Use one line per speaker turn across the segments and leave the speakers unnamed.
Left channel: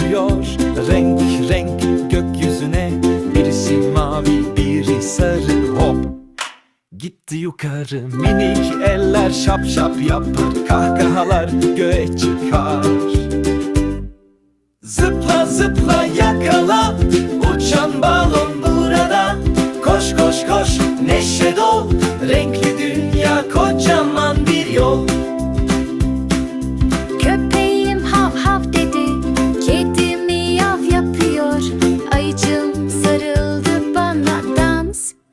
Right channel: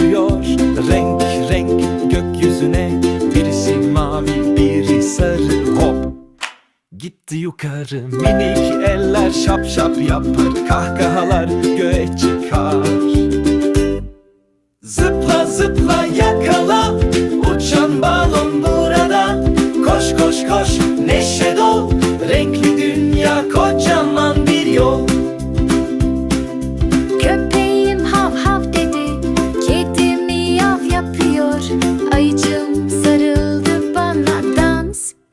düşüyor renk renk gökyüzüne Birisi mavi biri sarı. Hop! Gitti yukarı minik eller şap şap yapar. Kahkahalar göğe çıkar. Zıpla zıpla yakala Uçan balon burada. Koş koş koş neşe dol. Renkli dünya kocaman bir yol.
Köpeğim hav hav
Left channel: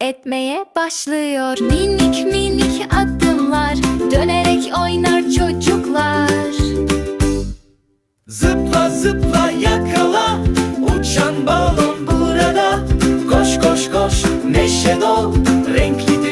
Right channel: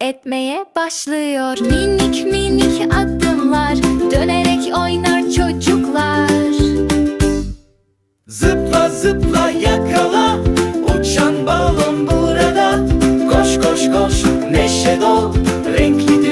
etmeye başlıyor. Minik minik adımlar Dönerek oynar çocuklar.
Zıpla zıpla yakala Uçan balon burada. Koş koş koş neşe dol Renkli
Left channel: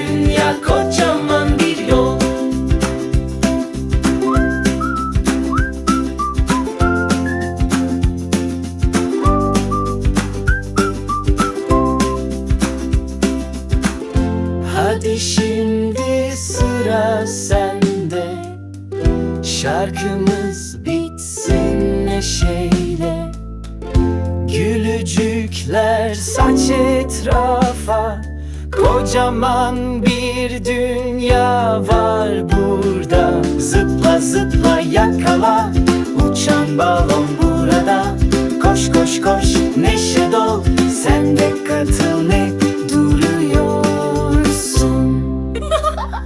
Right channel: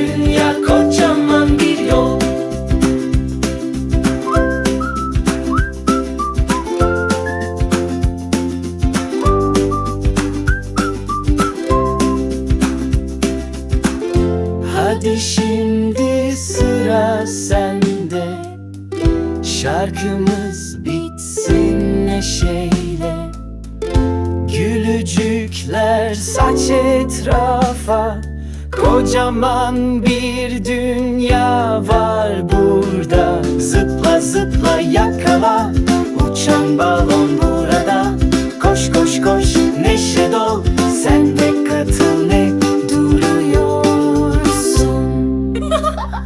Hadi şimdi sıra sende. Şarkımız bitsin neşeyle. Gülücükler saç etrafa. Kocaman bir dünya var burada. Zıpla zıpla yakala. Uçan balon burada. Koş koş koş neşe dol. Sen de katıl ne ha ha ha